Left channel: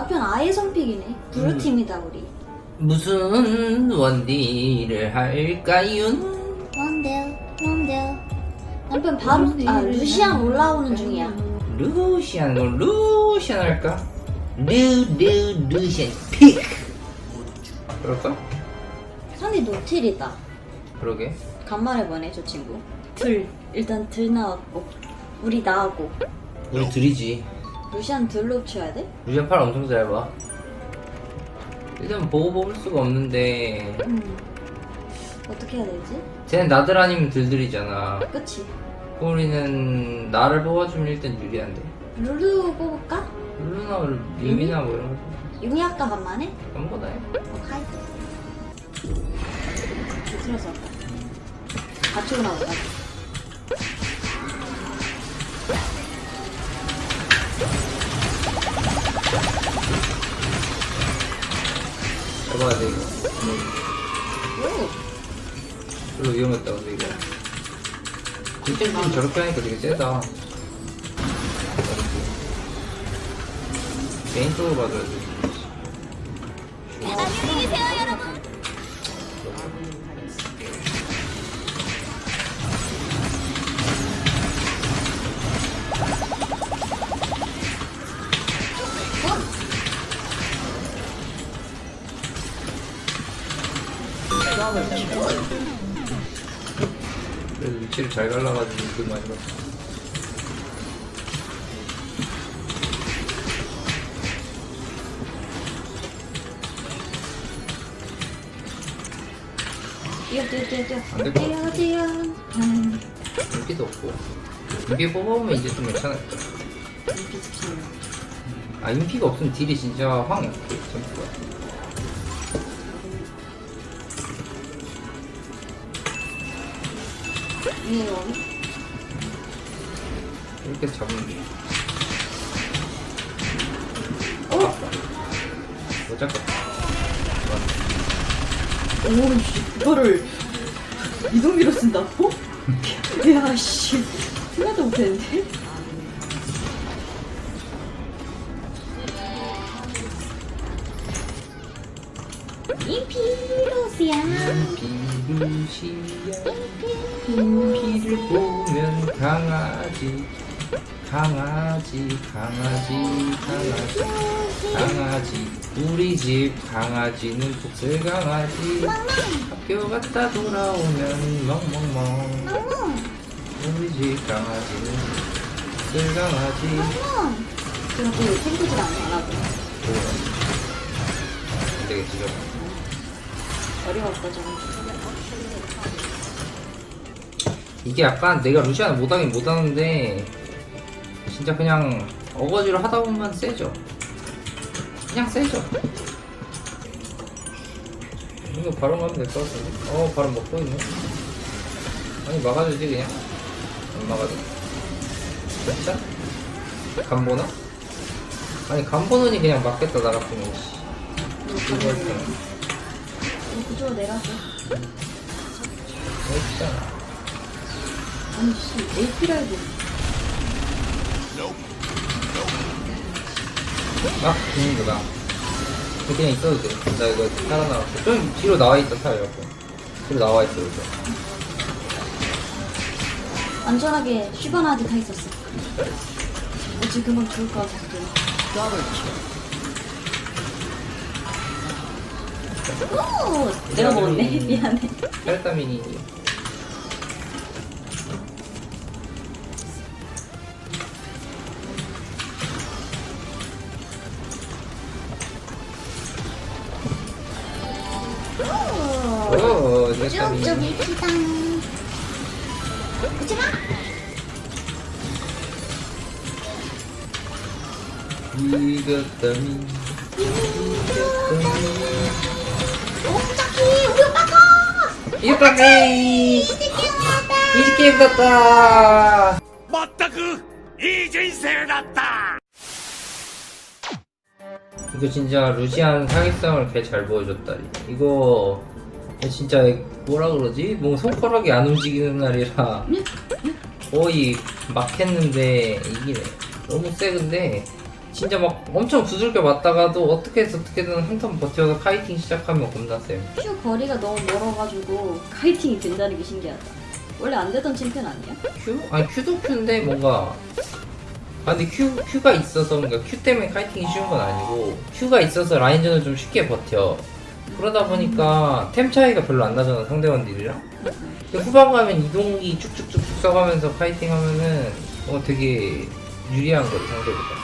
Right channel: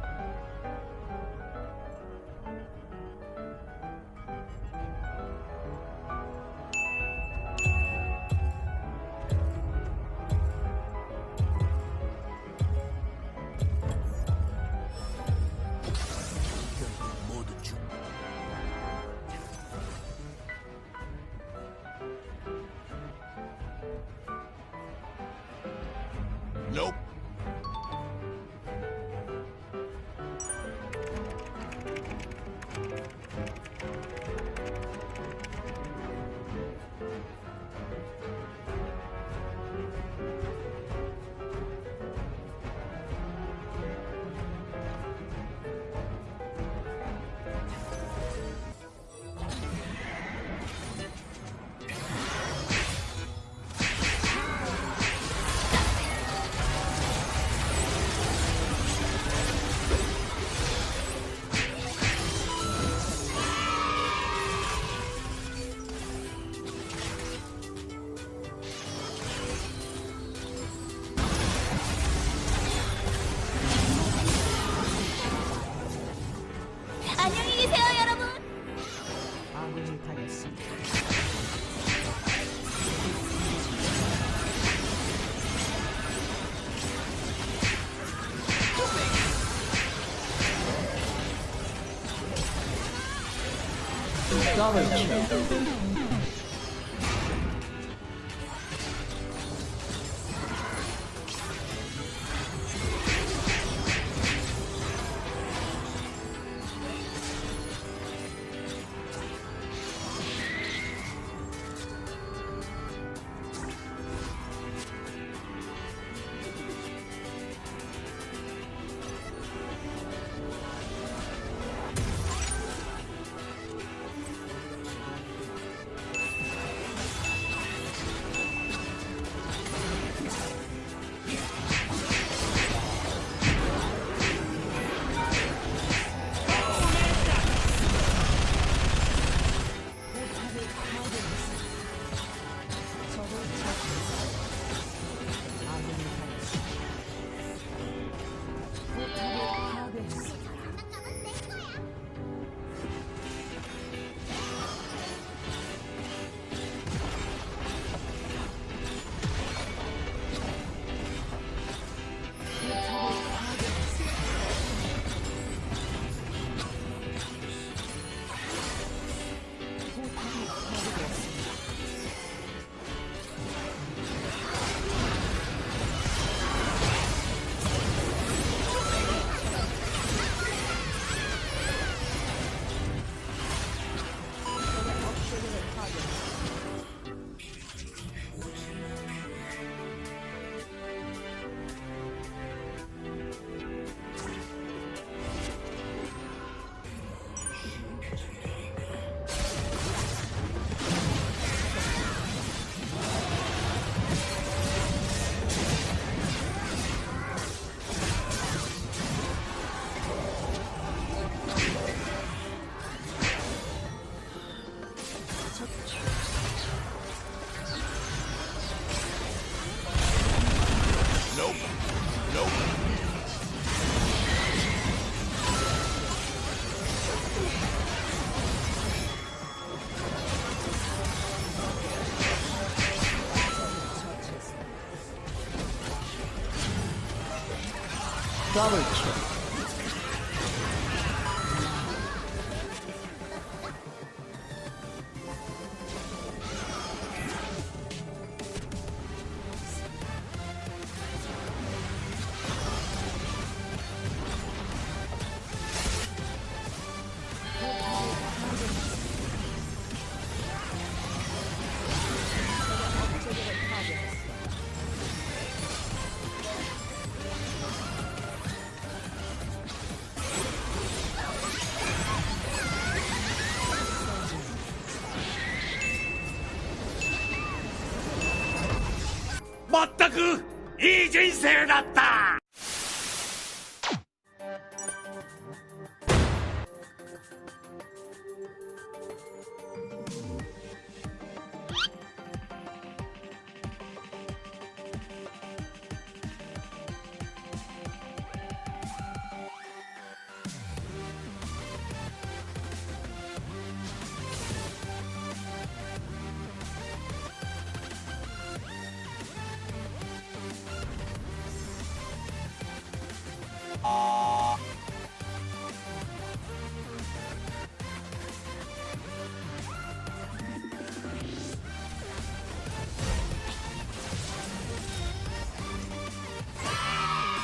남편 아예 선픽이네. 블루팀이다 우리. 무슨 원딜을 할까요? 뭔데요? 뭔데요? 남편 바로 아 루시안 올라오는 중이야. 루시안 너 루시안 할까? 루루 루시안 픽 그럴까? 상대 노틸이다. 그러게 간만에 보네 저 친구. 들 일단 들 나왔고 우리 나하고 너 들이지 루시안 들로 쳐야 돼? 루시안 팔 엄청 짧아 일단 보고 뽑을 수가 없는데 음. 어떻게 해야 되지? 쟤는 나들 아니면 들들이잖아 그치? 우리는 나를 뽑아주면 일단 유리한데 룰루 뽑을까? 룰루나 유미나 뭐 이런 거 용이 아까 간만에? 전부 다해 하이. 들어서 같이 올라오자. 잡아야 돼. 이거 오. 별로 위험했다 근데 이거. 뒷tem좀 저렇게 하니까 되게 세다. 개인적으로 봐도 안녕히 계세요, 여러분. 그래도 위치를 잘 갈라가지고 그 많이 봤어. 음. 인기도 없고 인기 뽑아오면 이제 좀 괜찮을 거야 아 인기가 없으면 딜이 진짜 확 점수 이렇게 잡으면 돼 어? 못 잡겠다 오 이거를 이동기로 쓴다고? 야 씨. 생각도 못했는데. 이 피로시야. 비루 피를 보면 강아지 강아지 강아지 강아지. 강아지. 우리 집 강아지는 복슬 강아지. 학교 갔다 돌아오면 멍멍멍. 우리 집 강아지는 복슬 강아지. 그리고 생기지 않나 봐. 되게 지금. 어려웠다 저거. 이게 약간 내가 루시안 못하긴 못하는데 진짜 그냥 어거지로 하다 보면 세죠. 그냥 세죠. 이거 바로 가면 될 것 같아. 어 바로 먹고 있네. 아니 막아주지 그냥. 안 막아줘. 진짜? 간보나? 아니 간보는이 그냥 맞겠다 나 같은 거 이거 그쪽으로 내려서. 했잖 아. 아, 되는구나. 그냥 있어도 돼. 나 이거 살아나. 좀 뒤로 나와 있다, 차 이렇게. 뒤로 나와 있어, 이제. 안전하게 쉬거나 타 있었어. 어, 지금은 좋을 것 같은데. 오, 내가 먹었네. 미안해. 혈담이니. 좀 이쁘다. 오지마. 이겼다니. 이겼다니. 우리 오빠가. 이겼다니. 20게임 같다. 맞다 그이 진생 같다. 이거 진짜 루시안 사기성을 개 잘 보여줬다. 이거 진짜 뭐라 그러지? 뭐 손가락이 안 움직이는 날이라 거의 막 했는데 이기네. 너무 세 근데 진짜 막 엄청 두들겨 맞다가도 어떻게든 어떻게든 한턴 버텨서 카이팅 시작하면 겁나 세요. 큐 거리가 너무 멀어가지고 카이팅이 된다는 게 신기하다. 원래 안 되던 챔피언 아니야? 큐? 아니 큐도 큐인데 뭔가 아 근데 큐, 큐가 있어서 뭔가 큐 때문에 카이팅이 쉬운 건 아니고 큐가 있어서 라인전을 좀 쉽게 버텨 그러다 보니까 템 차이가 별로 안 나잖아 상대원들이랑. 후반 가면 이동기 쭉쭉쭉쭉 써가면서 파이팅 하면은 어 되게 유리한 거지 상대보다